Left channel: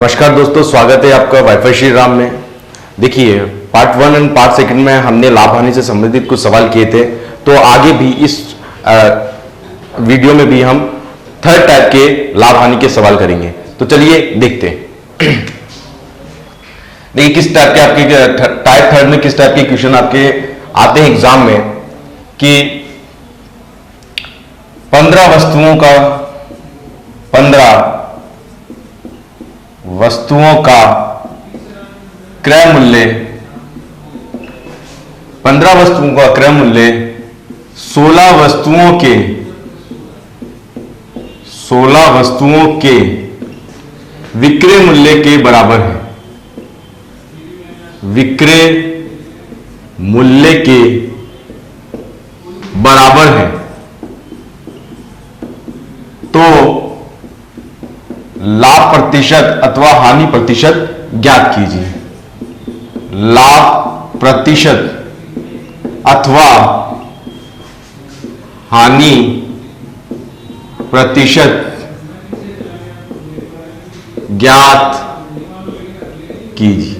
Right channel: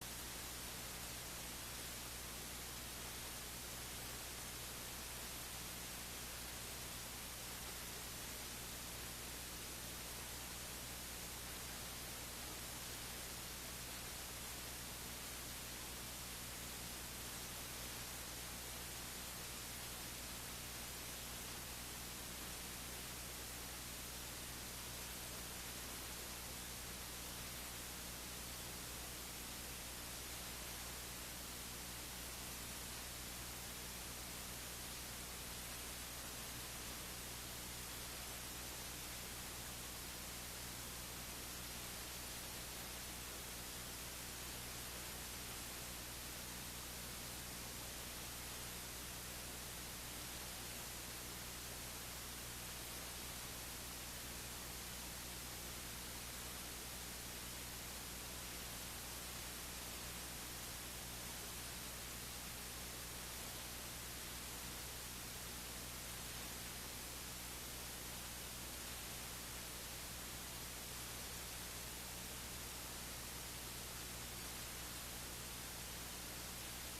नमस्कार दोस्तों, स्वागत है आपका वाईफाई श्री राम में। देखिए, पार्ट 1 एंड पार्ट 2 में हमने लाभ हानि से संबंधित कुछ सवाल किए थे। तो आगे भी इस वीडियो में भी हम थर्ड टाइप के लाभ हानि के सवाल करेंगे। तो चलिए देखते हैं। देखिए किस टाइप के आपके टाइप थर्ड में किस टाइप के क्वेश्चन आपके आते हैं एग्जाम में कि 15 वस्तुओं का क्रय मूल्य 15 वस्तुओं का क्रय मूल्य 16 वस्तुओं के विक्रय मूल्य के बराबर है। विक्रय मूल्य के बराबर है तो लाभ प्रतिशत अथवा हानि प्रतिशत ज्ञात कीजिए। लाभ प्रतिशत अथवा हानि प्रतिशत ज्ञात कीजिए।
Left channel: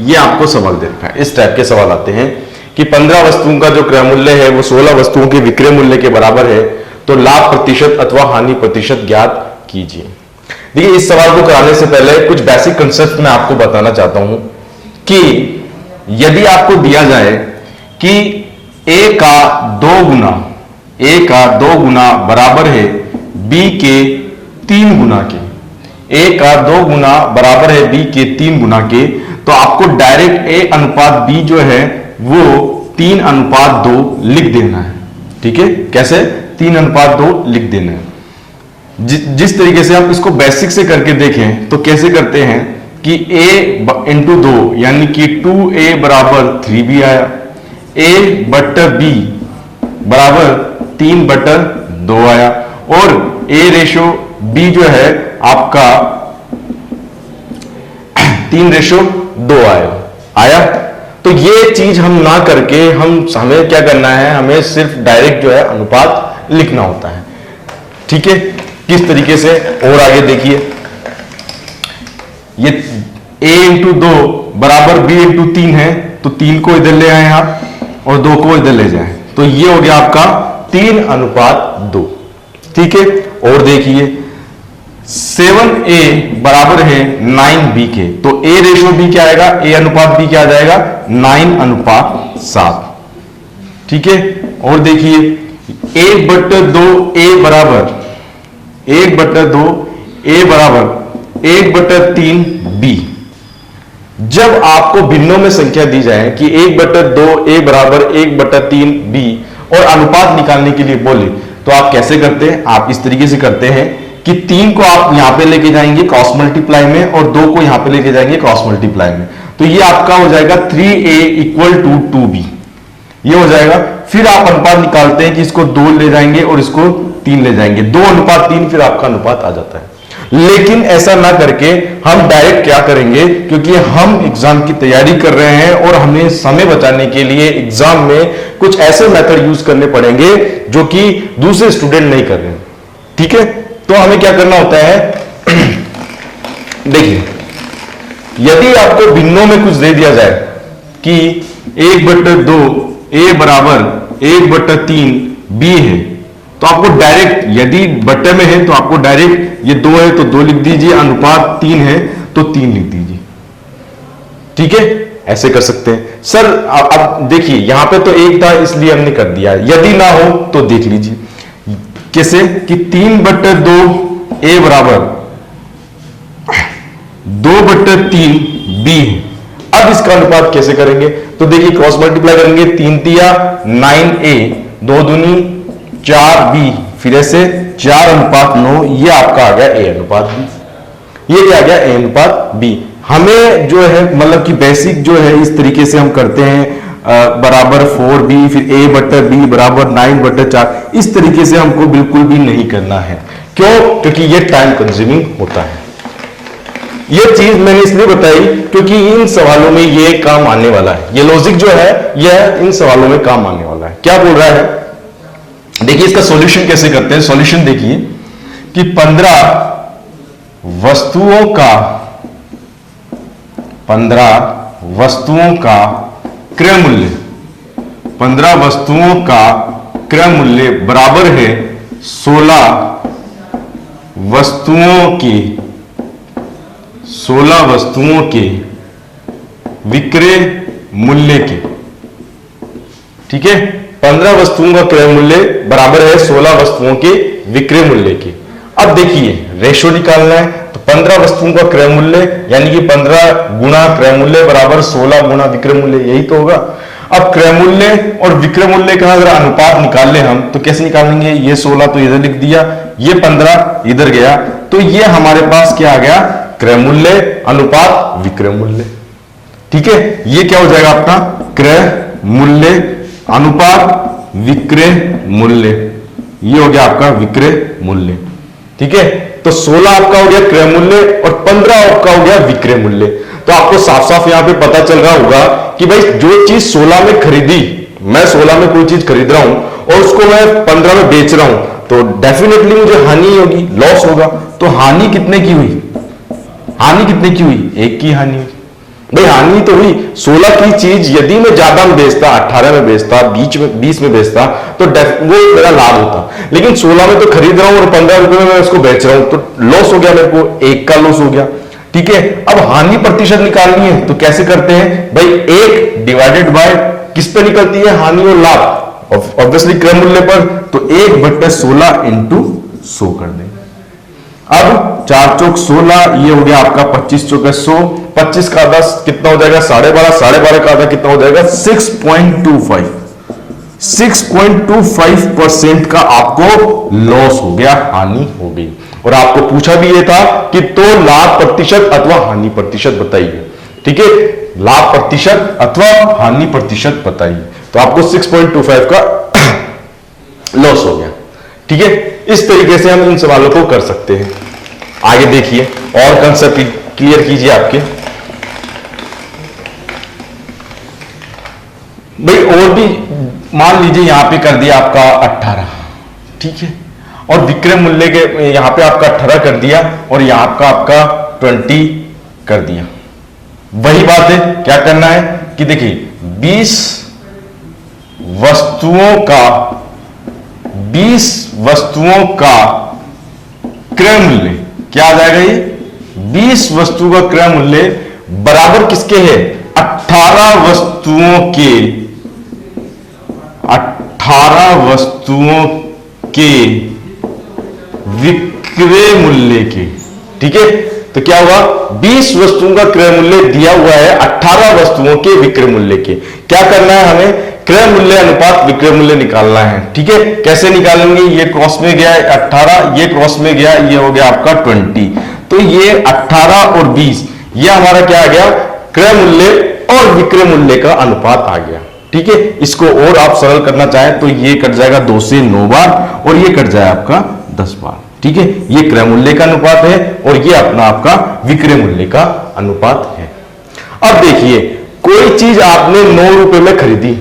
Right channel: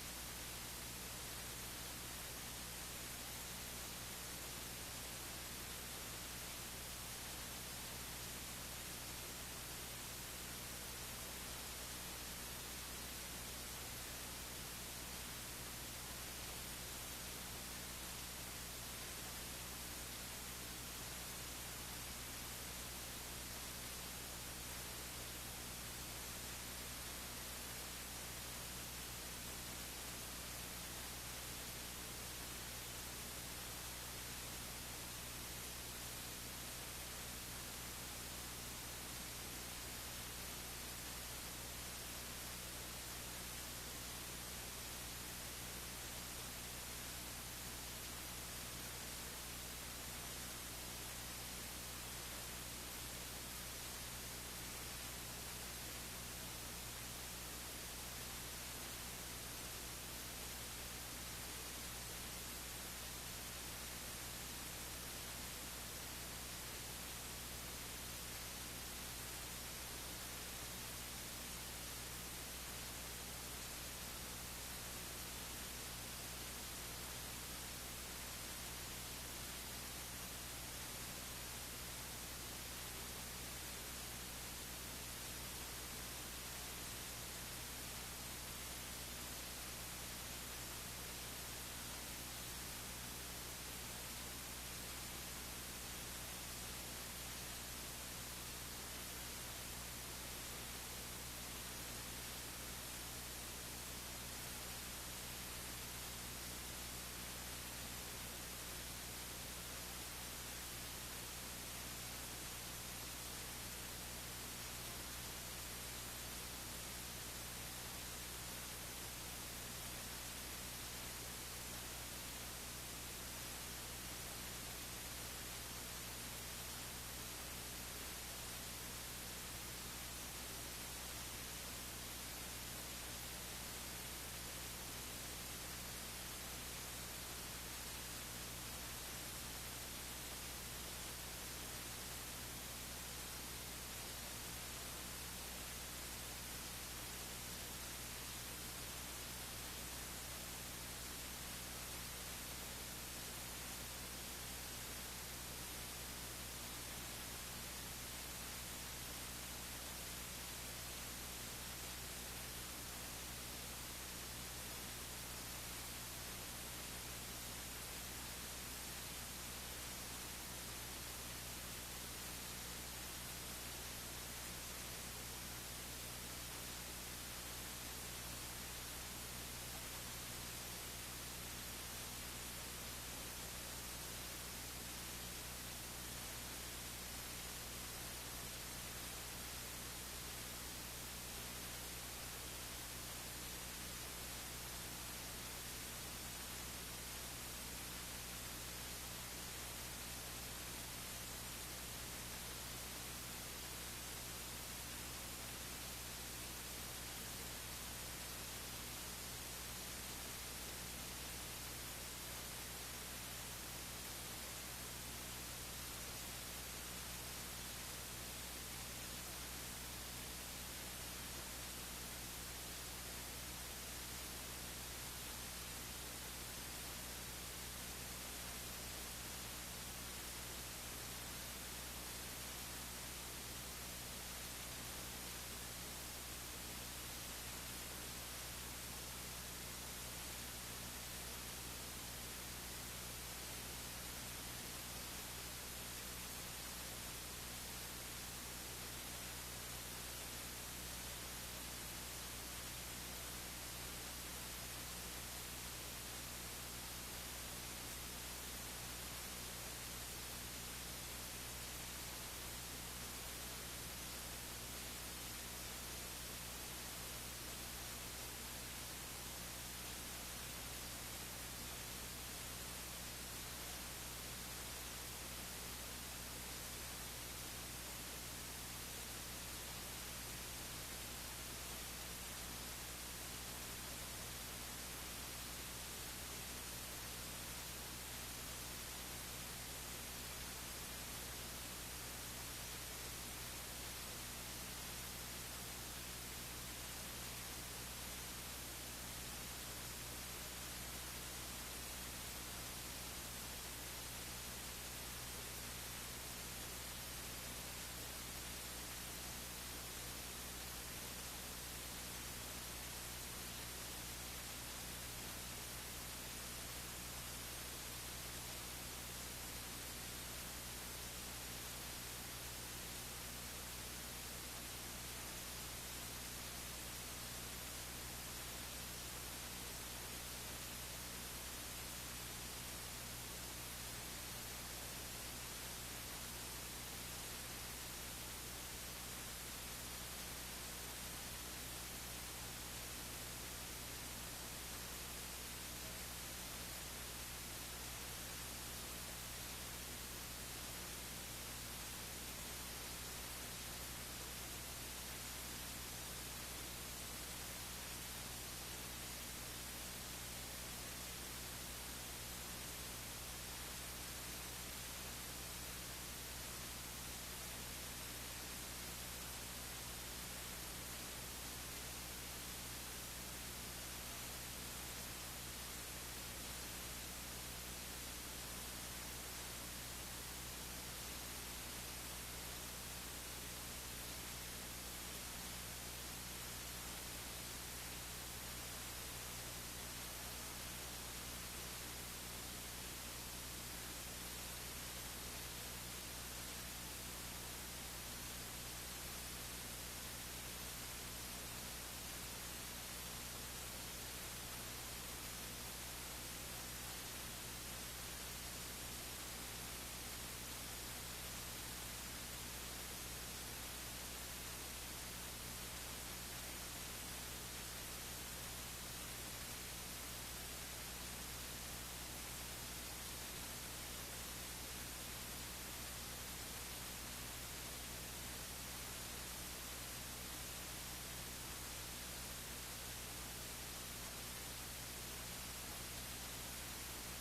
ये आपको सवाल दे रखा है। इस टाइप के सवाल आते हैं कि 15 वस्तुओं का जो क्रय मूल्य है वो 16 वस्तुओं के विक्रय मूल्य के बराबर है, तो लाभ प्रतिशत अथवा हानि प्रतिशत ज्ञात कीजिए। देखिए, इस सवाल को कराने से पहले कुछ बेसिक कंसेप्ट मैं आपको बताना चाहता हूं कि यदि आपको दिया जाए कि a का 2 गुना बराबर है b के 3 गुना के, a का 2 गुना बराबर है b के 3 गुना के, तो आपको डायरेक्ट a अनुपात b जो है वो 3:2 लिख देना है। ठीक है, कैसे 3:2 लिख देना है। जिस तरीके से आप इसको बेसिक से करके देखें तो कैसे करते हैं कि a इंटू 2 यानी कि 2a बराबर 3b आया, a बट्टर b बराबर 3/2 आया और a रेशो b जो है आपका 3:2 आया। तो ये चीज हम ना करके हमें क्या करना है, हमें सिर्फ डायरेक्ट जो है अनुपात लिखना होता है। ठीक है, किस तरीके से और आगे देखिए, ये a इंटू 2 बराबर b इंटू 3 है, तो 3 को इधर ले आए आप और 2 को इधर ले जाएं, तो ये हो गया आपका 3:2। ठीक है, और देखिए 7a बराबर है 9b के, तो a रेशो b क्या आएगा, a अनुपात b क्या आ जाएगा 9:7। ठीक है, और देखिए 1/2 a बराबर 1/2 a बराबर 1/3 b। जब आपको भिन्नों में संख्या दी जाए कि 1/2 a बराबर 1/3 b और अनुपात निकालने के लिए बोले, तो आप कैसे करते हैं, आप इस तरीके से करते हैं कि 3 को आप यहां पे लेके जाएंगे क्रॉस मल्टीप्लाई में और 2 को यहां पे लेके जाएंगे क्रॉस मल्टीप्लाई में, तो ये आपका हो जाएगा 3a = 2b। ये हो जाएगा। फिर आप अनुपात निकालते हैं कि इसको 2 ले जाएंगे और इसको 3 ले जाएंगे, 2:3, फिर आपका अनुपात आ जाता है। लेकिन ऐसा ना करके हम डायरेक्ट क्या करेंगे, क्योंकि हम एग्जाम की तैयारी कर रहे हैं और हमें समय बचाने के लिए एग्जाम में कुछ ऐसे मेथड यूज करने पड़ेंगे जो कि दूसरे स्टूडेंट नहीं कर रहे हैं। ठीक है, तो हमें क्या करना होता है देखिए, यदि आपको भिन्नों में कुछ दे दिया जाए कि 1/2 a बराबर 1/3 b है, तो आपको डायरेक्ट, यदि बट्टे में है तो आपको डायरेक्ट ये 2 है तो 2 लिख दीजिए, अनुपात 3 है तो 3 लिख दीजिए। ठीक है, ऐसे कर सकते हैं। सर अब देखिए यहां पे तो 1 था इसलिए हमने कर दिया, यदि ना हो तो देख लीजिए कैसे कि 3/2 a बराबर 2/3 b है। अब इसका अनुपात कैसे करेंगे, तो देखिए क्रॉस मल्टीप्लाई करेंगे, 3×3 9a, 2 दूनी 4b, फिर ऐसे 4:9, ये आपका आ गया a अनुपात b। ये क्या आ गया, a अनुपात b। हमें जो है मतलब कि बेसिक जो है इस तरीके से हम करते हैं, बराबर 4b, फिर a/b बराबर 9/4, इस तरीके से हमको बिल्कुल भी नहीं करना है। क्यों, क्योंकि ये टाइम कंज्यूमिंग होता है। ये चीज मैंने इसलिए बताई क्योंकि इन सवालों में ये काम आने वाला है, ये लॉजिक जो है यह इन सवालों में काम आने वाला है। क्या बोल रहा है, देखिए इसका सॉल्यूशन कैसे करते हैं। सॉल्यूशन देखिए कि 15 वस्तुओं का 15 वस्तुओं का क्रय मूल्य, 15 वस्तुओं का क्रय मूल्य बराबर है 16 वस्तुओं के विक्रय मूल्य के। ठीक है, 15 वस्तुओं का क्रय मूल्य बराबर है 16 वस्तुओं के विक्रय मूल्य के। अब देखिए रेशो निकालना है, तो 15 वस्तुओं का क्रय मूल्य यानी कि 15 गुणा क्रय मूल्य बराबर 16 गुणा विक्रय मूल्य, यही तो होगा। अब क्रय मूल्य और विक्रय मूल्य का अगर अनुपात निकाल ले हम तो कैसे निकालेंगे, ये 16 तो इधर लिख दिया, ये 15 इधर गया, तो ये हमारे पास क्या आ गया, क्रय मूल्य अनुपात विक्रय मूल्य। ठीक है, ये क्या हो जाएगा अपना क्रय मूल्य अनुपात विक्रय मूल्य, ये हो गया आपका विक्रय मूल्य। ठीक है, तो 16 आपका हो गया क्रय मूल्य और 15 आपका हो गया विक्रय मूल्य। तो आपको साफ साफ यहां पे पता चल रहा होगा कि भाई जो चीज 16 में खरीदी, मैं 16 में कोई चीज खरीद रहा हूं और उसको मैं 15 में बेच रहा हूं, तो डेफिनेटली मुझे हानि होगी, लॉस होगा। तो हानि कितने की हुई, हानि कितने की हुई, 1 की हानि हुई। भाई हानि तो हुई, 16 की चीज यदि मैं ज्यादा में बेचता, 18 में बेचता, 20 में बेचता, तो वो मेरा लाभ होता। लेकिन 16 में तो खरीद रहा हूं और 15 रुपए में मैं उसको बेच रहा हूं, तो लॉस हो गया, मेरे को 1 का लॉस हो गया। ठीक है, अब हानि प्रतिशत निकालनी है तो कैसे करते हैं भाई, 1 डिवाइडेड बाय किस पे निकलती है, हानि और लाभ, ऑब्वियसली क्रय मूल्य पर, तो 1/16 इंटू 100 कर दें। अब 4 चौक 16, ये हो गया आपका 25 चौक 100, 25 का 10 कितना हो जाएगा 12.5, 12.5 का आधा कितना हो जाएगा 6.25, 6.25% का आपको लॉस हो गया, हानि हो गई। और आपको पूछा भी ये था कि तो लाभ प्रतिशत अथवा हानि प्रतिशत बताइए। ठीक है, लाभ प्रतिशत अथवा हानि प्रतिशत बताइए, तो आपको 6.25 का लॉस हो गया। ठीक है, इस तरीके से हम इन सवालों को कर सकते हैं। आगे देखिए और कंसेप्ट क्लियर कीजिए आपके भाई। और भी मान लीजिए यहां पे कर दिया आपका 18, ठीक है, और विक्रय मूल्य के यहां पे आपका 18 कर दिया और यहां आपका 20 कर दिया। वही बात है, क्या करना है कि देखिए 20 वस्तुओं का क्रय मूल्य क्या आ जाएगा, ये 20 वस्तु का क्रय मूल्य बराबर किसके है, 18 वस्तुओं के विक्रय मूल्य के। ठीक है, तो क्या हुआ, 20 वस्तुओं का क्रय मूल्य दिया हुआ है 18 वस्तुओं के विक्रय मूल्य के। क्या करना है हमें, क्रय मूल्य अनुपात विक्रय मूल्य निकालना है। ठीक है, कैसे निकालेंगे, ये क्रॉस में गया 18, ये क्रॉस में गया, ये हो गया आपका 20, तो ये 18 और 20 ये हमारा क्या आ गया, क्रय मूल्य और विक्रय मूल्य का अनुपात आ गया। ठीक है, इसको और आप सरल करना चाहें तो ये कट जाएगा 2 से 9 बार और ये कट जाए आपका 10 बार। ठीक है, ये क्रय मूल्य का अनुपात है और ये अपना आपका विक्रय मूल्य का अनुपात है। अब देखिए कोई चीज आपने 9 रुपए में खरीदी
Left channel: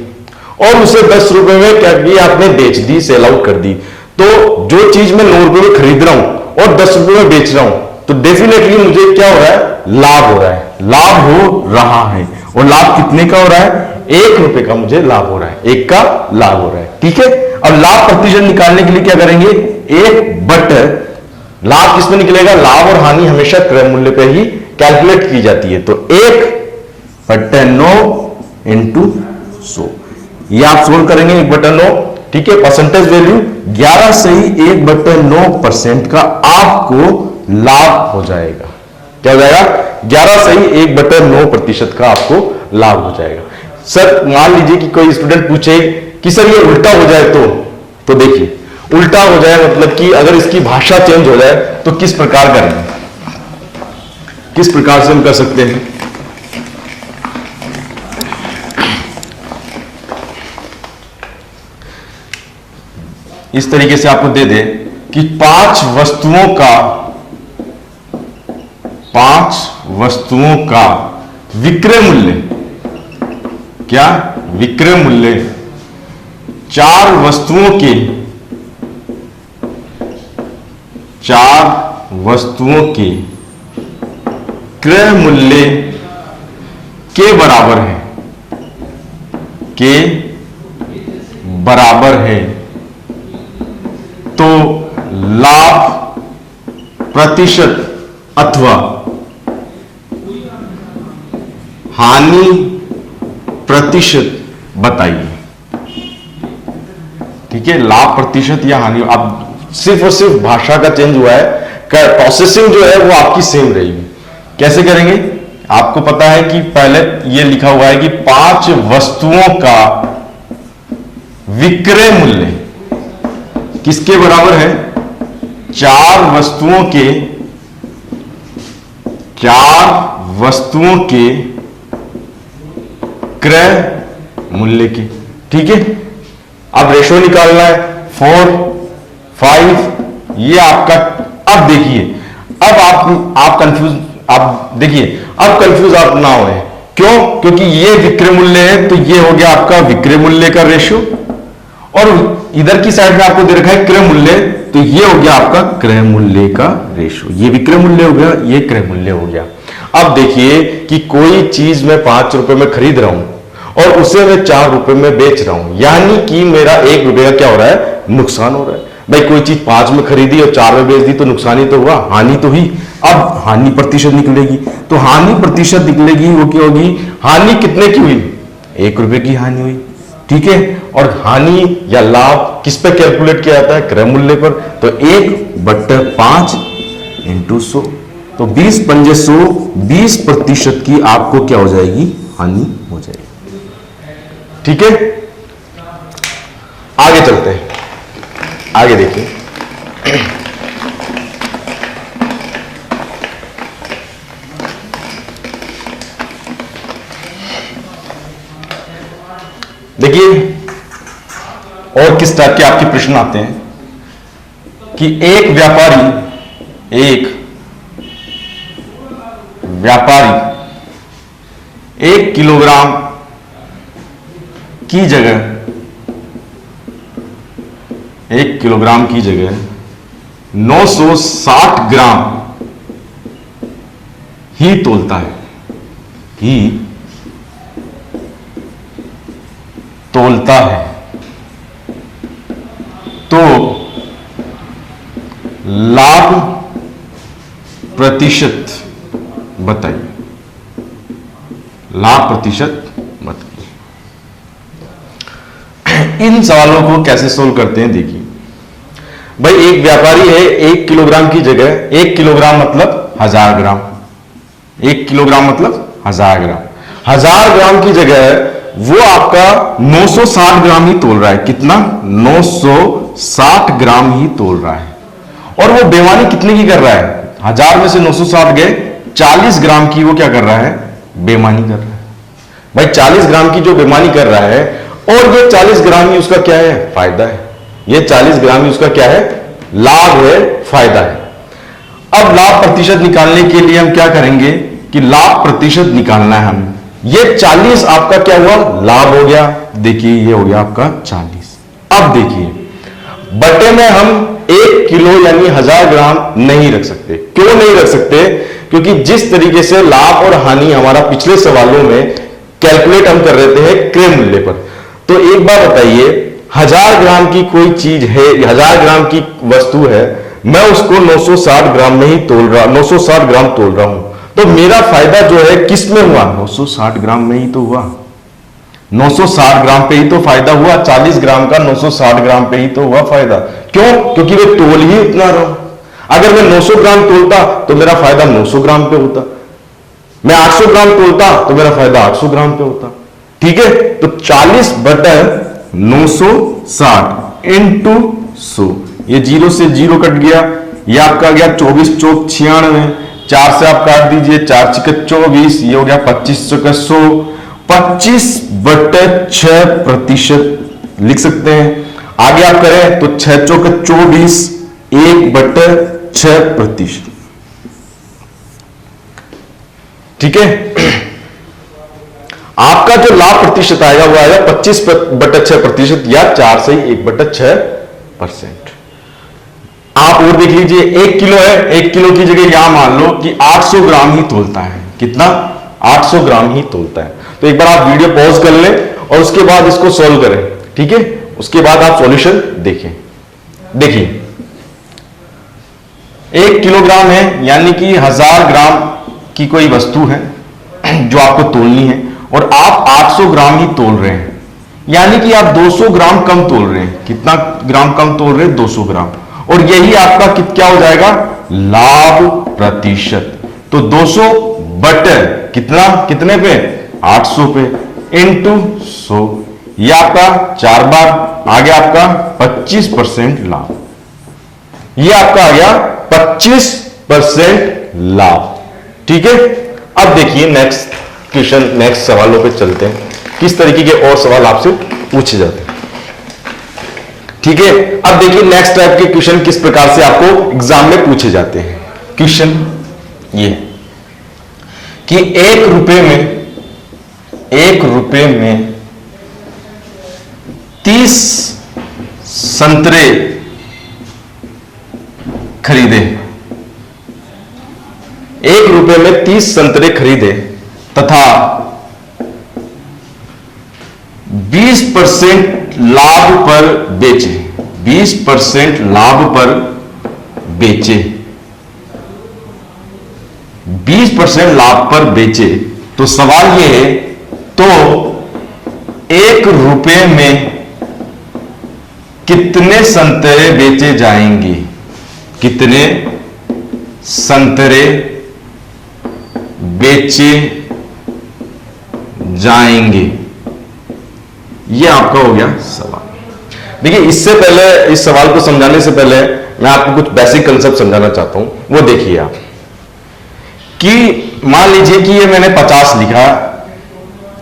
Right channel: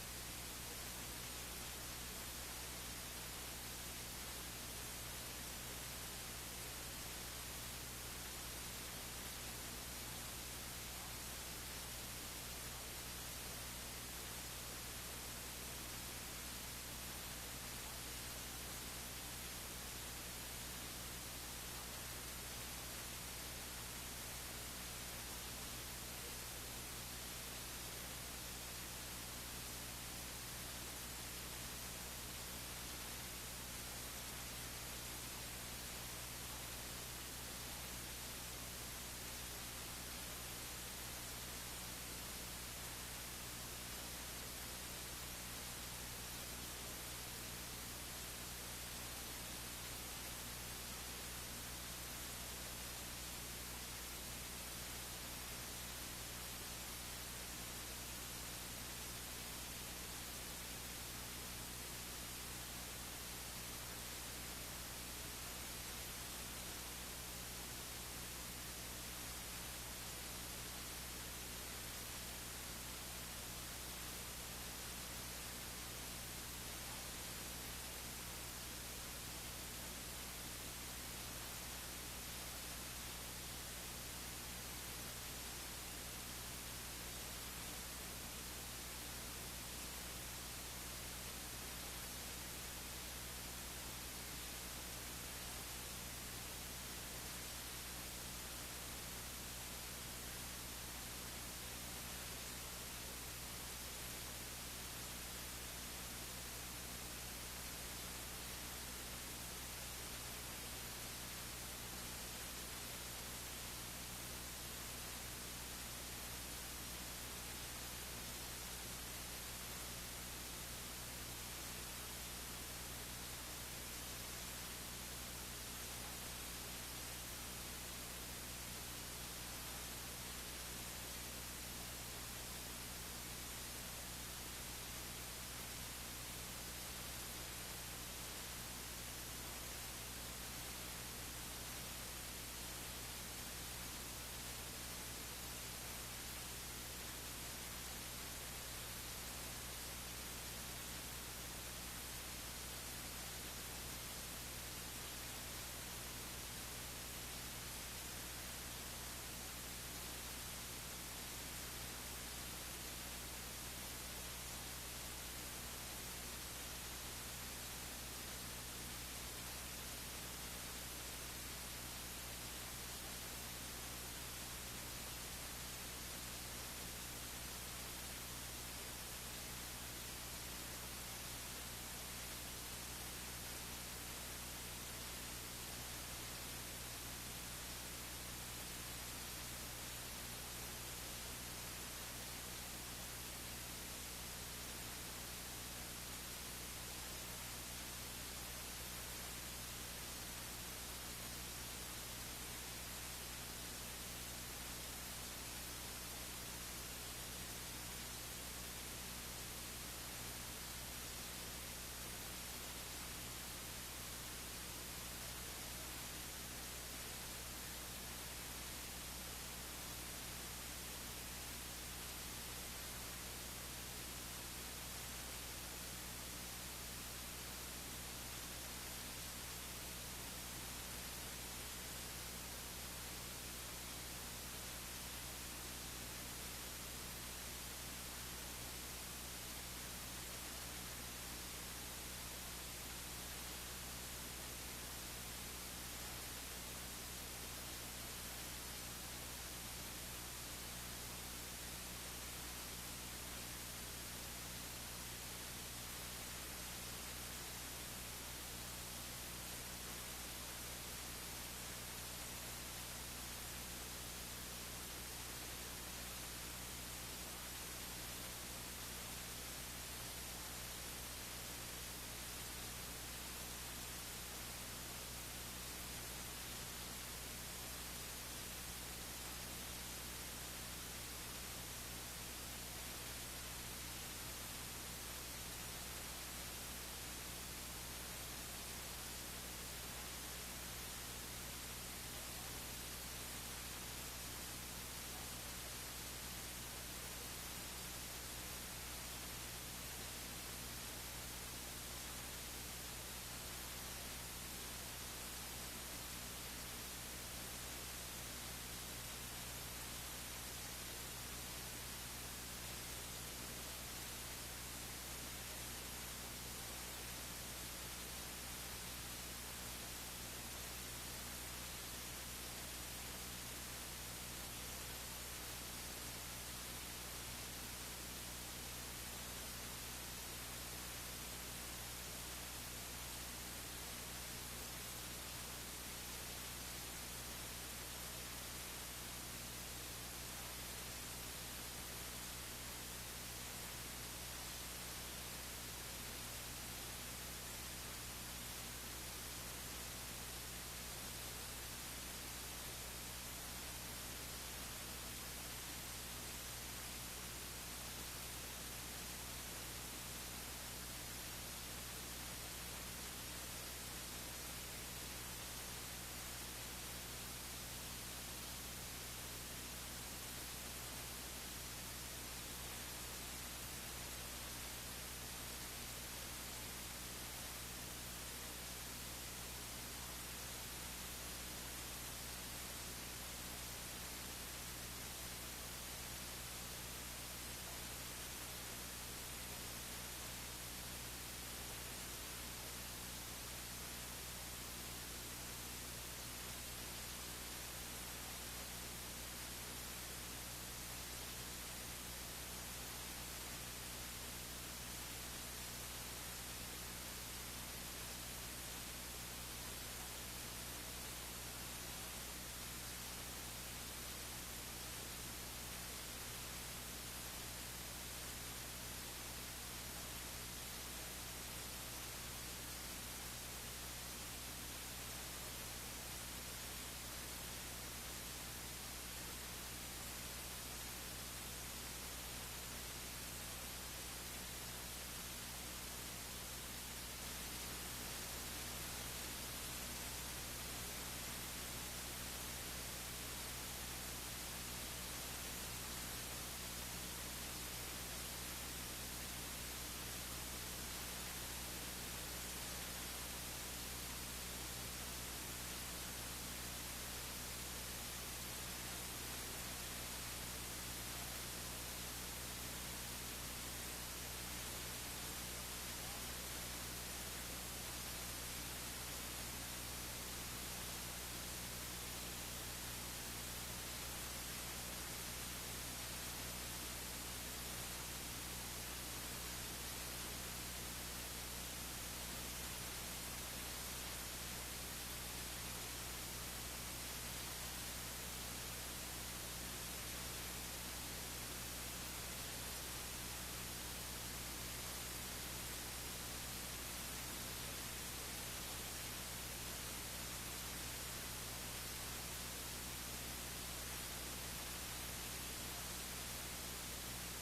और उसे 10 रुपए में क्या किया, आपने बेच दी, सेल आउट कर दी। तो जो चीज मैं 9 रुपए में खरीद रहा हूं और 10 रुपए में बेच रहा हूं, तो डेफिनेटली मुझे क्या हो रहा है, लाभ हो रहा है, लाभ हो रहा है। और लाभ कितने का हो रहा है, 1 रुपए का मुझे लाभ हो रहा है, 1 का लाभ हो रहा है। ठीक है, अब लाभ प्रतिशत निकालने के लिए क्या करेंगे, 1 लाभ किसमें निकलेगा, लाभ और हानि हमेशा क्रय मूल्य पे ही कैलकुलेट की जाती है, तो 1/9 इंटू 100, ये आप सोल्व करेंगे 1/9। ठीक है, परसेंटेज वैल्यू 11 से ही 1/9% का आपको लाभ हो जाएगा। क्या हो जाएगा, 11 से ही 1/9% का आपको लाभ हो जाएगा। सर मान लीजिए कि कोई स्टूडेंट पूछे कि सर ये उल्टा हो जाए तो देखिए उल्टा हो जाए मतलब कि अगर इसकी भाषा चेंज हो जाए तो किस प्रकार करेंगे, किस प्रकार से हम कर सकते हैं। इस तरीके से आपको दे दे कि 5 वस्तुओं का विक्रय मूल्य, क्या विक्रय मूल्य 4 वस्तुओं के क्रय मूल्य के बराबर है, के बराबर है, तो लाभ प्रतिशत अथवा हानि प्रतिशत बताइए। ठीक है, लाभ प्रतिशत या हानि, अब सिर्फ और सिर्फ भाषा का चेंज हुआ है, प्रोसेसिंग जो है वो आपकी सेम रहेगी। कैसे करेंगे? आपको पता है कि पहले ये लिखा हुआ है कि 5 वस्तुओं का विक्रय मूल्य किसके बराबर है? 4 वस्तुओं के क्रय मूल्य के। ठीक है, अब रेशो निकालना है 4, 5, ये आपका। अब देखिए, अब आप कंफ्यूज, आप देखिए, अब कंफ्यूज आप ना हो। क्यों? क्योंकि ये विक्रय मूल्य है, तो ये हो गया आपका विक्रय मूल्य का रेशो, और इधर की साइड में आपको दे रखा है क्रय मूल्य, तो ये हो गया आपका क्रय मूल्य का रेशो। ये विक्रय मूल्य हो गया, ये क्रय मूल्य हो गया। अब देखिए कि कोई चीज मैं 5 रुपए में खरीद रहा हूं और उसे मैं 4 रुपए में बेच रहा हूं, यानी कि मेरा 1 रुपए का क्या हो रहा है? नुकसान हो रहा है। भाई कोई चीज 5 में खरीदी और 4 में बेच दी तो नुकसान ही तो हुआ, हानि तो हुई। अब हानि प्रतिशत निकलेगी, तो हानि प्रतिशत निकलेगी, वो क्या होगी? हानि कितने की हुई? 1 रुपए की हानि हुई। ठीक है, और हानि या लाभ किस पे कैलकुलेट किया जाता है? क्रय मूल्य पर। तो 1/5 × 100, तो 20 पंजे 100, 20% की आपको क्या हो जाएगी? हानि हो जाएगी। ठीक है, आगे चलते हैं, आगे देखिए। देखिए और किस टाइप के आपके प्रश्न आते हैं कि एक व्यापारी 1 किलोग्राम की जगह 960 ग्राम ही तोलता है, तो लाभ प्रतिशत बताइए। लाभ प्रतिशत बताइए। इन सवालों को कैसे सोल्व करते हैं? देखिए भाई, एक व्यापारी है, 1 किलोग्राम की जगह, 1 किलोग्राम मतलब 1000 ग्राम, 1 किलोग्राम मतलब 1000 ग्राम, 1000 ग्राम की जगह वो आपका 960 ग्राम ही तोल रहा है। कितना? 960 ग्राम ही तोल रहा है। और वो बेईमानी कितने की कर रहा है? 1000 में से 960 गए, 40 ग्राम की वो क्या कर रहा है? बेईमानी कर रहा है। भाई 40 ग्राम की जो बेईमानी कर रहा है, और ये 40 ग्राम ही उसका क्या है? फायदा है। ये 40 ग्राम ही उसका क्या है? लाभ है, फायदा है। अब लाभ प्रतिशत निकालने के लिए हम क्या करेंगे कि लाभ प्रतिशत निकालना है हमें। ये 40 आपका क्या हुआ? लाभ हो गया। देखिए ये हो गया आपका 40। अब देखिए बटे में हम 1 किलो यानी 1000 ग्राम नहीं रख सकते। क्यों नहीं रख सकते? क्योंकि जिस तरीके से लाभ और हानि हमारा पिछले सवालों में कैलकुलेट हम कर रहे थे क्रय मूल्य पर, तो एक बार बताइए 1000 ग्राम की कोई चीज है, 1000 ग्राम की वस्तु है, मैं उसको 960 ग्राम में ही तोल रहा, 960 ग्राम तोल रहा हूं, तो मेरा फायदा जो है किस में हुआ? 960 ग्राम में ही तो हुआ। 960 ग्राम पे ही तो फायदा हुआ। 40 ग्राम का 960 ग्राम पे ही तो हुआ फायदा। क्यों? क्योंकि मैं तोल ही उतना रहा हूं। अगर मैं 900 ग्राम तोलता तो मेरा फायदा 900 ग्राम पे होता, मैं 800 ग्राम तोलता तो मेरा फायदा 800 ग्राम पे होता। ठीक है, तो 40 बटा 960 इंटू 100, ये 0 से 0 कट गया, ये आपका गया 24 चौक 96, 4 से आप काट दीजिए, 4 × 24, ये हो गया 25 × 100, 25/6% लिख सकते हैं। आगे आप करें तो 6 × 24, 1/6%। ठीक है, आपका जो लाभ प्रतिशत आएगा वो आएगा 25/6% या 4 से 1/6%। आप और देख लीजिए, 1 किलो है, 1 किलो की जगह यहां मान लो कि 800 ग्राम ही तोलता है। कितना? 800 ग्राम ही तोलता है। तो एक बार आप वीडियो पॉज कर लें और उसके बाद इसको सॉल्व करें, ठीक है। उसके बाद आप सॉल्यूशन देखें। देखिए 1 किलोग्राम है, यानी कि 1000 ग्राम की कोई वस्तु है जो आपको तोलनी है, और आप 800 ग्राम ही तोल रहे हैं, यानी कि आप 200 ग्राम कम तोल रहे हैं। कितना ग्राम कम तोल रहे हैं? 200 ग्राम। और यही आपका क्या हो जाएगा? लाभ प्रतिशत। तो 200 बटे कितने पे? 800 पे इंटू 100, यह आपका 4 बार आ गया आपका 25% लाभ। यह आपका आ गया 25% लाभ, ठीक है। अब देखिए नेक्स्ट क्वेश्चन, नेक्स्ट सवालों पे चलते हैं, किस तरीके के और सवाल आपसे पूछे जाते हैं, ठीक है। अब देखिए नेक्स्ट टाइप के क्वेश्चन किस प्रकार से आपको एग्जाम में पूछे जाते हैं। क्वेश्चन ये कि 1 रुपए में 30 संतरे खरीदे, 1 रुपए में 30 संतरे खरीदे तथा 20% लाभ पर बेचे, 20% लाभ पर बेचे, 20% लाभ पर बेचे। तो सवाल यह है, तो 1 रुपए में कितने संतरे बेचे जाएंगे? कितने संतरे बेचे जाएंगे? यह आपका हो गया सवाल। देखिए इससे पहले, इस सवाल को समझाने से पहले मैं आपको कुछ बेसिक कंसेप्ट समझाना चाहता हूं। वो देखिए आप कि मान लीजिए कि ये मैंने 50 लिखा,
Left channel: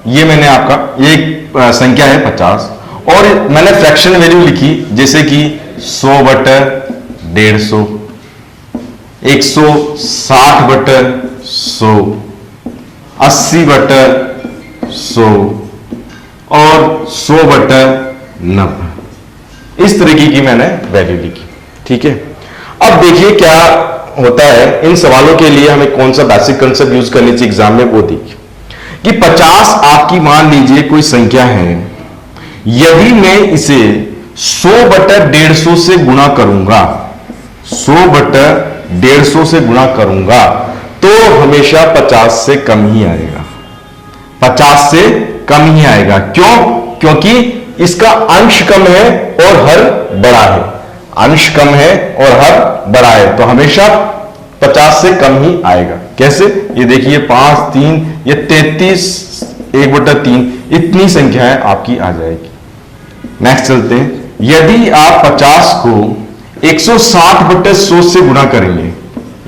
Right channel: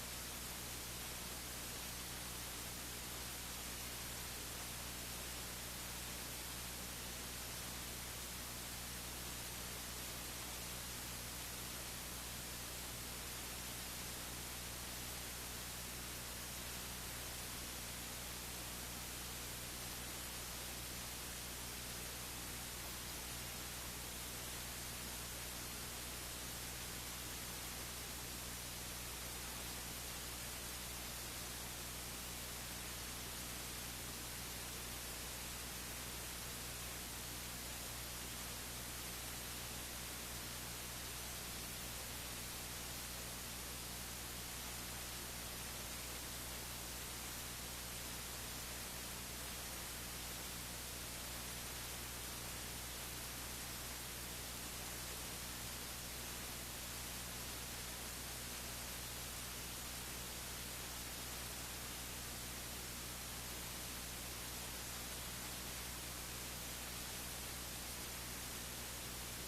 ये मैंने आपका ये संख्या है 50, और मैंने फ्रैक्शन वैल्यू लिखी जैसे कि 100 बटे 150, 160 बटे 100, 80 बटे 100 और 100 बटे 90। इस तरीके की मैंने वैल्यू लिखी, ठीक है। अब देखिए क्या होता है, इन सवालों के लिए हमें कौन सा बेसिक कंसेप्ट यूज करनी चाहिए एग्जाम में, वो देखिए कि 50 आपकी मान लीजिए कोई संख्या है, यदि मैं इसे 100 बटे 150 से गुणा करूंगा, 100 बटे 150 से गुणा करूंगा, तो हमेशा 50 से कम ही आएगा, 50 से कम ही आएगा। क्यों? क्योंकि इसका अंश कम है और हर बड़ा है, अंश कम है और हर बड़ा है, तो हमेशा 50 से कम ही आएगा। कैसे? ये देखिए 5, 3, ये 33, 1/3, इतनी संख्याएं आपकी आ जाएगी। नेक्स्ट चलते हैं, यदि आप 50 को 160 बटे 100 से गुणा करेंगे,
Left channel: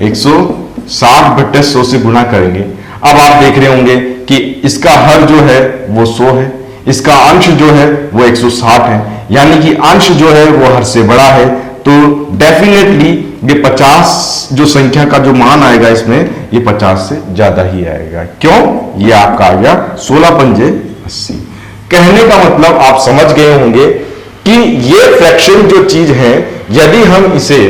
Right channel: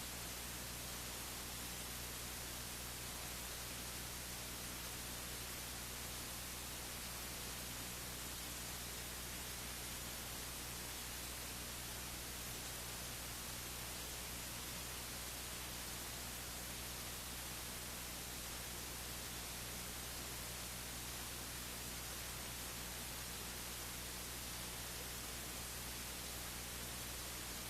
160 बटे 100 से गुणा करेंगे, अब आप देख रहे होंगे कि इसका हर जो है वो 100 है, इसका अंश जो है वो 160 है, यानी कि अंश जो है वो हर से बड़ा है। तो डेफिनेटली ये 50 जो संख्या का जो मान आएगा इसमें, ये 50 से ज्यादा ही आएगा। क्यों? ये आपका आ गया 16 पंजे 80। कहने का मतलब आप समझ गए होंगे कि ये फ्रैक्शन जो चीज है, यदि हम इसे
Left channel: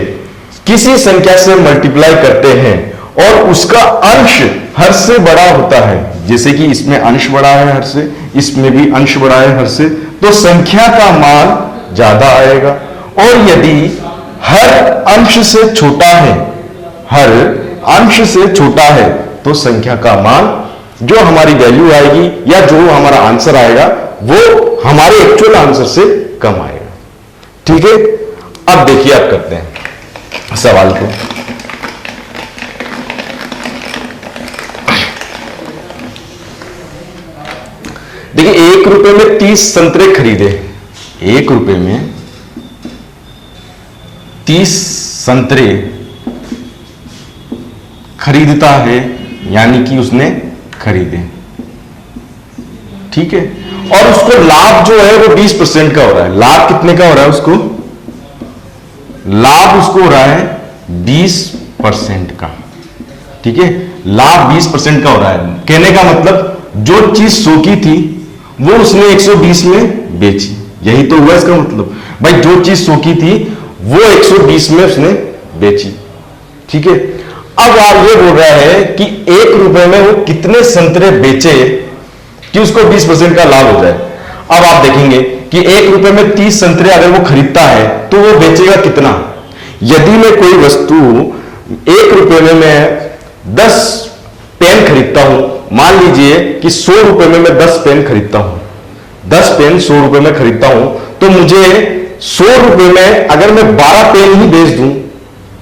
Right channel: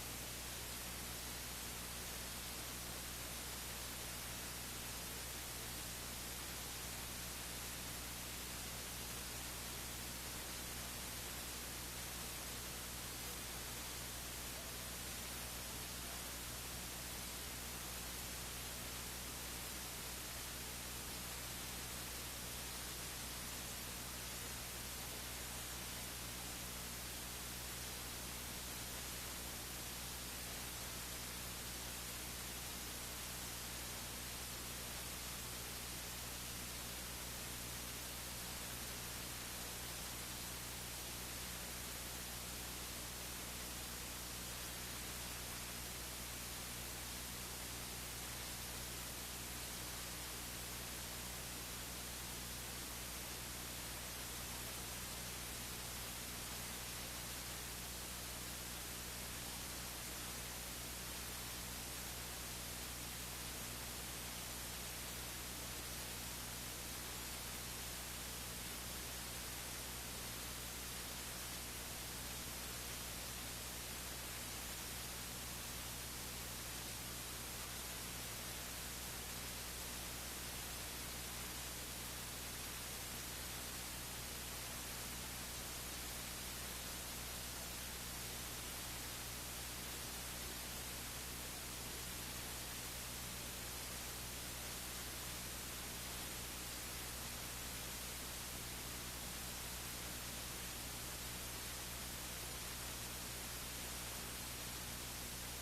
किसी संख्या से मल्टीप्लाई करते हैं और उसका अंश हर से बड़ा होता है, जैसे कि इसमें अंश बड़ा है हर से, इसमें भी अंश बड़ा है हर से, तो संख्या का मान ज्यादा आएगा। और यदि हर अंश से छोटा है, हर अंश से छोटा है, तो संख्या का मान, जो हमारी वैल्यू आएगी या जो हमारा आंसर आएगा, वो हमारे एक्चुअल आंसर से कम आएगा, ठीक है। अब देखिए आप करते हैं सवाल को। देखिए 1 रुपए में 30 संतरे खरीदे, 1 रुपए में 30 संतरे खरीदता है, यानी कि उसने खरीदे, ठीक है। और उसको लाभ जो है वो 20% का हो रहा है। लाभ कितने का हो रहा है उसको? लाभ उसको हो रहा है 20% का, ठीक है। लाभ 20% का हो रहा है। कहने का मतलब जो चीज 100 की थी वो उसने 120 में बेची, यही तो हुआ इसका मतलब। भाई जो चीज 100 की थी वो 120 में उसने बेची, ठीक है। अब आप ये बोल रहा है कि 1 रुपए में वो कितने संतरे बेचे कि उसको 20% का लाभ हो जाए। अब आप देखेंगे कि 1 रुपए में 30 संतरे अगर वो खरीदता है तो वो बेचेगा कितना। यदि मैं कोई वस्तु 1 रुपए में मैं 10 पेन खरीदता हूं, मान लीजिए कि 100 रुपए में मैं 10 पेन खरीदता हूं, 10 पेन 100 रुपए में खरीदता हूं, तो मुझे 100 रुपए में अगर मैं 12 पेन ही बेच दूं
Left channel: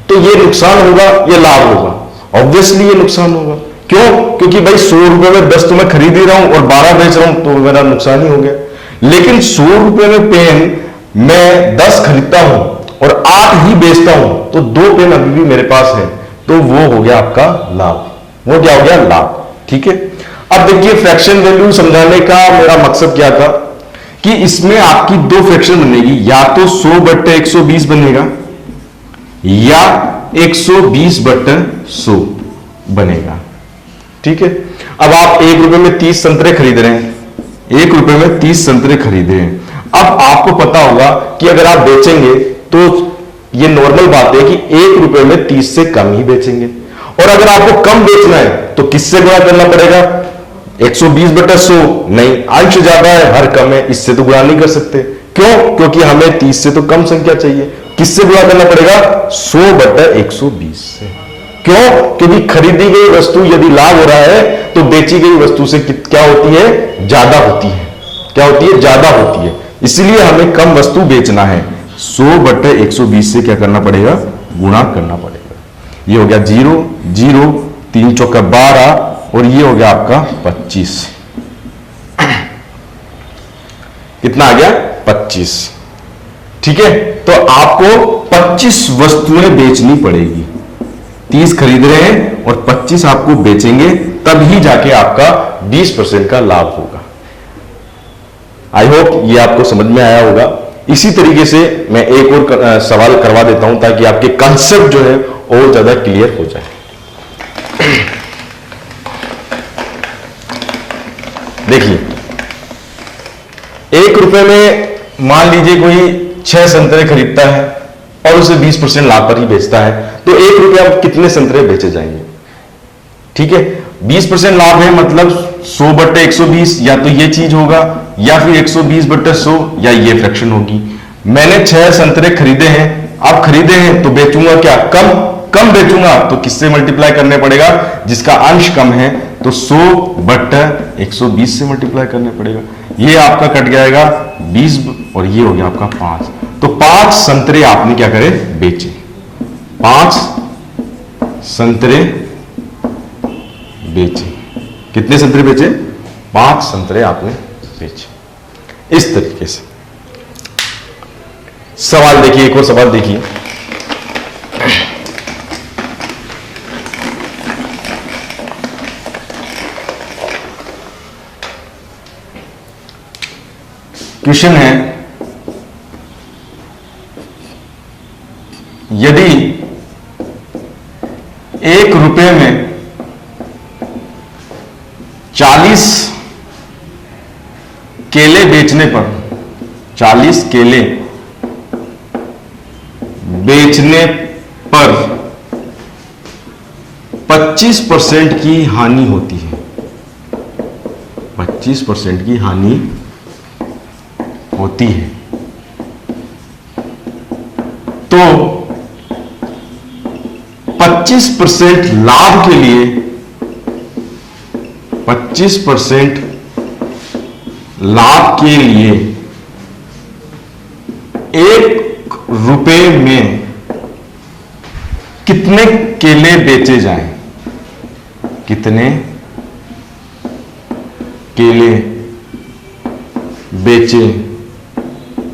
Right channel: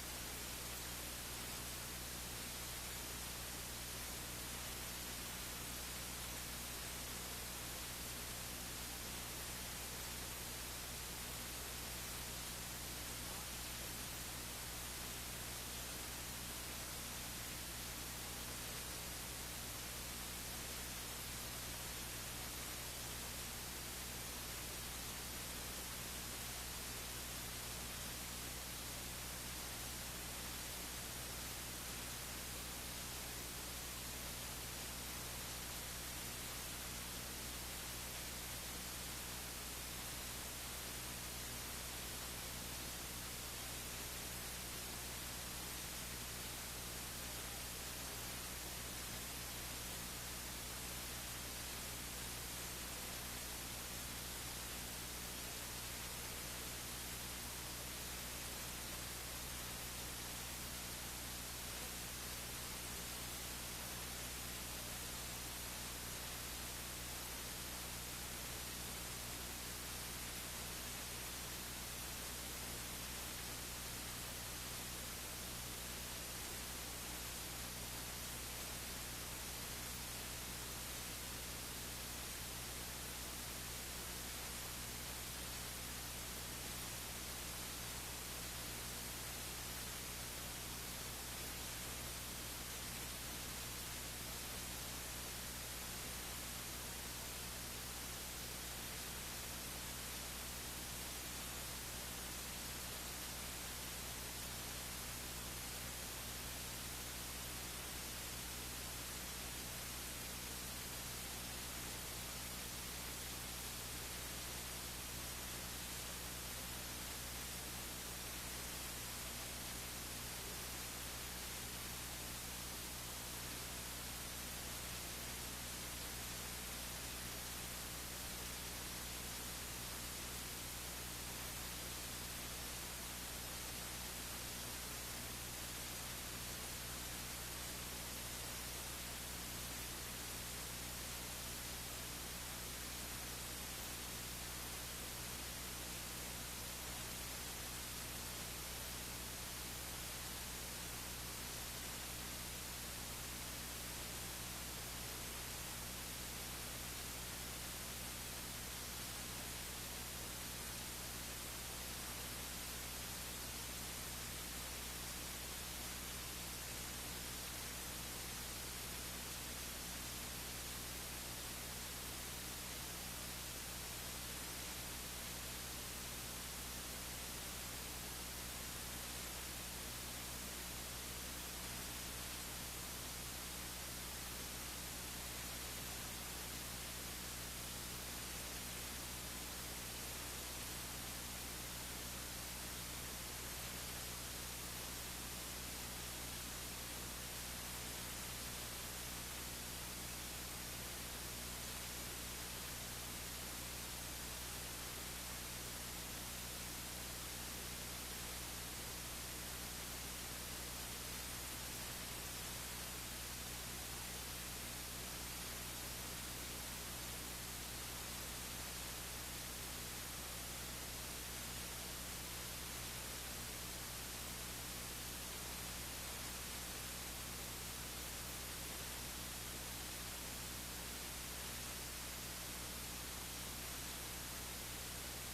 तो ये नुकसान होगा या लाभ होगा? ऑब्वियसली ये नुकसान होगा। क्यों? क्योंकि भाई 100 रुपए में 10 तो मैं खरीद ही रहा हूं और 12 बेच रहा हूं, तो मेरा नुकसान ही हो गया। लेकिन 100 रुपए में पेन मैं 10 खरीदता हूं और 8 ही बेचता हूं, तो 2 पेन अभी भी मेरे पास है, तो वो हो गया आपका लाभ। वो क्या हो गया? लाभ। ठीक है। अब देखिए, फ्रैक्शन वैल्यू समझाने का मेरा मकसद क्या था कि इसमें आपकी 2 फ्रैक्शन बनेगी, या तो 100/120 बनेगा या 120/100 बनेगा। ठीक है। अब आप 1 रुपए में 30 संतरे खरीद रहे हैं, 1 रुपए में 30 संतरे खरीदे हैं। अब आपको पता होगा कि अगर आप बेचेंगे तो ये नॉर्मल बात है कि 1 रुपए में 30 से कम ही बेचेंगे, और अगर आपको कम बेचना है तो किससे गुणा करना पड़ेगा? 120/100 नहीं, अंश ज्यादा है, हर कम है, इससे तो गुणा नहीं कर सकते। क्यों? क्योंकि हमें 30 से तो कम संख्या चाहिए। किससे गुणा करना पड़ेगा? 100/120 से। क्यों? क्योंकि खरीदी गई वस्तु यदि लाभ हो रहा है तो बेची गई वस्तु से क्या होती है? ज्यादा होती है। क्या होती है? ज्यादा होती है। इसलिए हमें कम वस्तु बेचना है, 100/120 से क्या करना पड़ेगा? गुणा करना पड़ेगा। ये हो गया 0 0, 3 चौका 12, और ये हो गया आपका 25। कितना आ गया? 25। ठीक है। तो आपको 25 वस्तुएं बेचनी पड़ेगी। 30 खरीद रहे हैं और 25 आपको बेचेंगे, तभी जाके आपका 20% का लाभ होगा। आई होप ये आपको समझ में आया होगा। इसी तरीके से मैं एक और सवाल करवा देता हूं ताकि आपके कंसेप्ट जो है और ज्यादा क्लियर हो जाए। देखिए, 1 रुपए में मान लीजिए कोई 6 संतरे खरीदता है और उसे 20% लाभ पर ही बेचता है, तो 1 रुपया अब कितने संतरे बेचे जाएंगे? ठीक है। 20% लाभ है, मतलब 100/120, या तो ये चीज होगा या फिर 120/100, या ये फ्रैक्शन होगी। मैंने 6 संतरे खरीदे हैं, अब खरीदे हैं तो बेचूंगा क्या? कम बेचूंगा, तो किससे मल्टीप्लाई करने पड़ेगा? जिसका अंश कम है, तो 100/120 से मल्टीप्लाई करने पड़ेगा। ये आपका कट जाएगा 20 और ये हो गया आपका 5। तो 5 संतरे आपने क्या करे? बेचे। 5 संतरे बेचे। कितने संतरे बेचे? 5 संतरे आपने बेचे। इस तरीके से सवाल देखिए, एक और सवाल देखिए। क्वेश्चन है, यदि 1 रुपए में 40 केले बेचने पर 40 केले बेचने पर 25% की हानि होती है, 25% की हानि होती है, तो 25% लाभ के लिए 25% लाभ के लिए 1 रुपए में कितने केले बेचे जाएं? कितने केले बेचे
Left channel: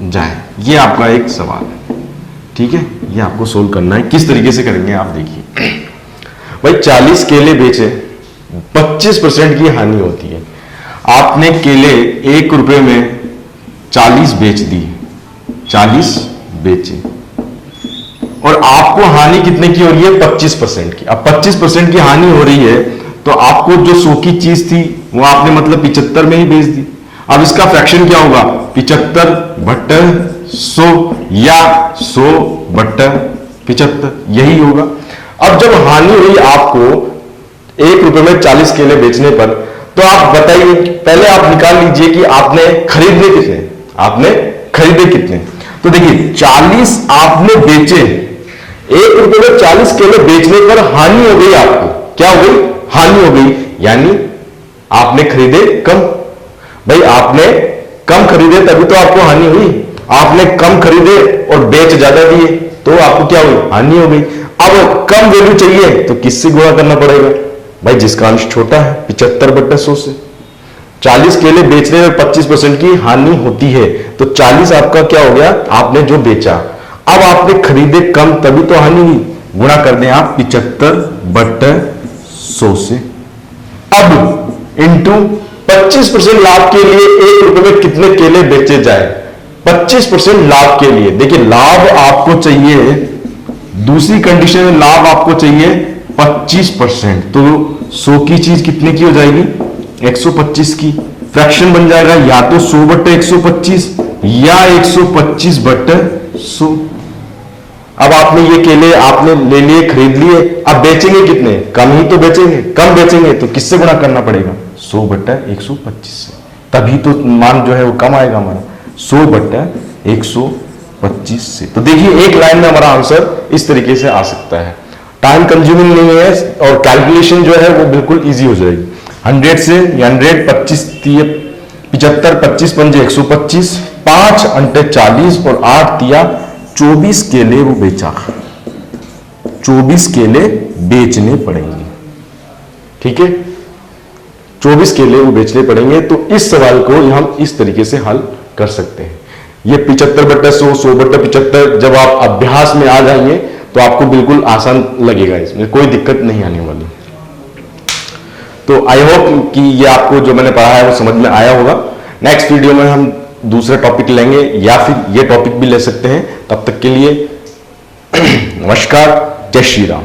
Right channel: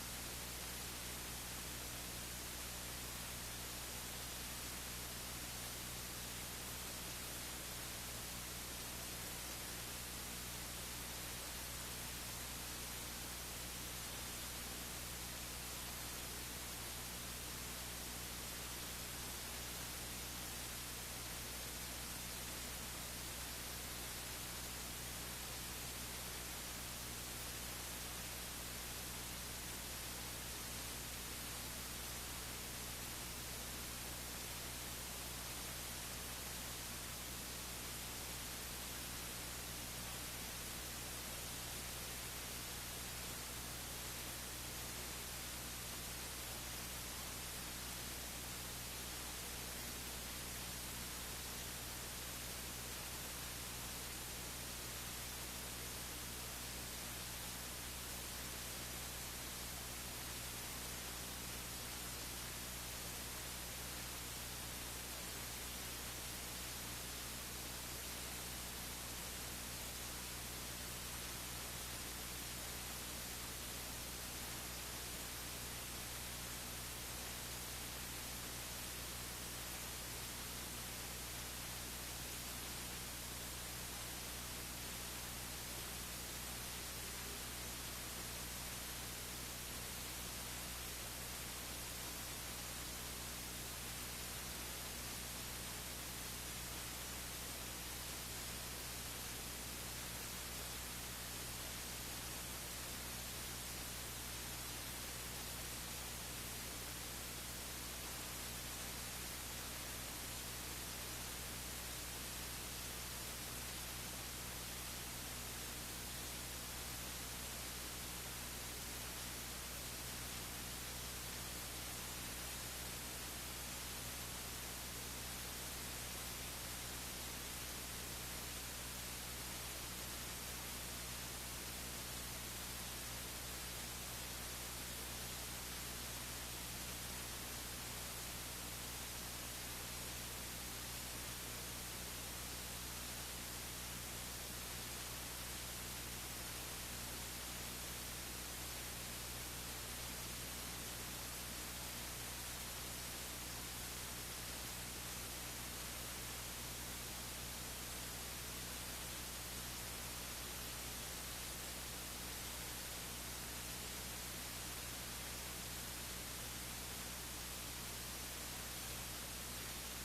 जाए? ये आपका एक सवाल है। ठीक है, ये आपको सोल्व करना है। किस तरीके से करेंगे आप देखिए। भाई 40 केले बेचे, 25% की हानि होती है। आपने केले 1 रुपए में 40 बेच दी, 40 बेचे, और आपको हानि कितने की हो रही है? 25% की। अब 25% की हानि हो रही है तो आपको जो 100 की चीज थी वो आपने मतलब 75 में ही बेच दी। अब इसका फ्रैक्शन क्या होगा? 75/100 या 100/75, यही होगा। अब जब हानि हुई आपको 1 रुपए में 40 केले बेचने पर, तो आप बताइए, पहले आप निकाल लीजिए कि आपने खरीदने कितने, आपने खरीदे कितने। तो देखिए 40 आपने बेचे, 1 रुपए में 40 केले बेचने पर हानि हो गई, आपको क्या हो गई, हानि हो गई, यानी आपने खरीदे कम। भाई आपने कम खरीदे तभी तो आपको हानि हुई, आपने कम खरीदे और बेच ज्यादा दिए तो आपको क्या हुई, हानि हो गई। अब कम वैल्यू चाहिए तो किससे गुणा करना पड़ेगा, भाई जिसका अंश छोटा है, 75/100 से। 40 केले बेचने में 25% की हानि होती है, तो 40 आपका क्या हो गया, आपने जो बेचा। अब आपने खरीदे कम तभी तो हानि हुई, गुणा कर दें आप 75/100 से। अब इंटू 25% लाभ के लिए 1 रुपए में कितने केले बेचे जाए, 25% लाभ के लिए। देखिए लाभ आपको चाहिए, दूसरी कंडीशन में लाभ आपको चाहिए 25%, तो 100 की चीज कितने की हो जाएगी, 125 की। फ्रैक्शन बन जाएगा या तो 100/125 या 125/100। अब आपने ये केले आपने ले लिए, खरीद लिए, अब बेचेंगे कितने, कम ही तो बेचेंगे, कम बेचेंगे तो किससे गुणा करना पड़ेगा, 100/125 से, तभी तो मान जो है वो कम आएगा हमारा, 100/125 से। तो देखिए एक लाइन में हमारा आंसर इस तरीके से आ सकता है, टाइम कंज्यूमिंग नहीं है और कैलकुलेशन जो है वो बिल्कुल इजी हो जाएगी। 100 से 100, 25 75, 25 पंजे 125, 5 अंटे 40 और 8 तिया 24 केले वो बेचा, 24 केले बेचने पड़ेंगे, ठीक है, 24 केले वो बेचने पड़ेंगे। तो इस सवाल को हम इस तरीके से हल कर सकते हैं। ये 75/100, 100/75 जब आप अभ्यास में आ जाएंगे तो आपको बिल्कुल आसान लगेगा, इसमें कोई दिक्कत नहीं आने वाली। तो आई होप कि ये आपको जो मैंने पढ़ा है वो समझ में आया होगा। नेक्स्ट वीडियो में हम दूसरा टॉपिक लेंगे या फिर ये टॉपिक भी ले सकते हैं। तब तक के लिए नमस्कार, जय श्री राम।